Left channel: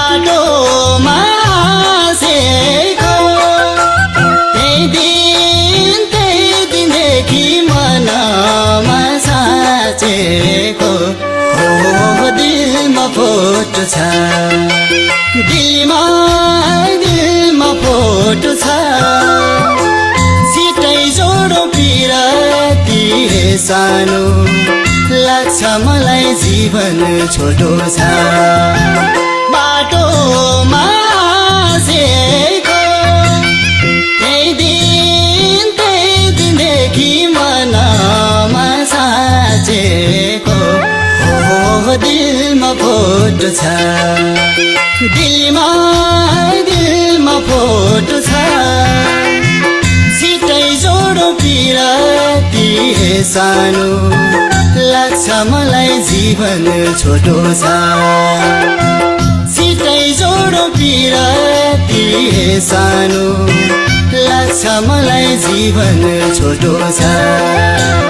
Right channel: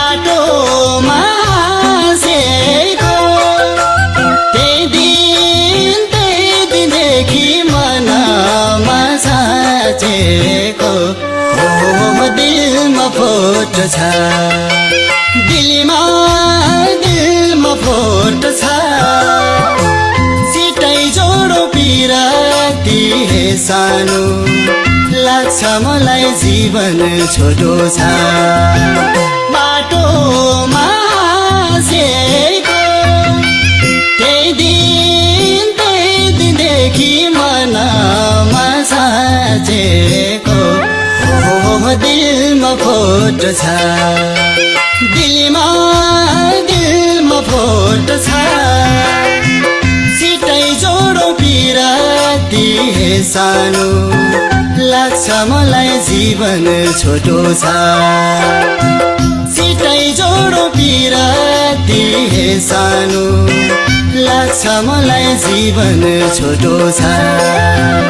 बाटोमा हाँसेको त्यही दिनदेखि मनमा साँचेको दिलमा फोटो छ दिलमा फोटो छ सिटै जोडो बिराती सानो लाग्छ मलाई जीवन छोटो छ बाटोमा हाँसेको त्यही दिनदेखि मनमा साँचेको दिलमा फोटो छ दिलमा फोटो छ सिटै जोडो बिराती सानो लाग्छ मलाई जीवन छोटो छ सिटै जोडो बिराती सानो लाग्छ मलाई जीवन छोटो छ।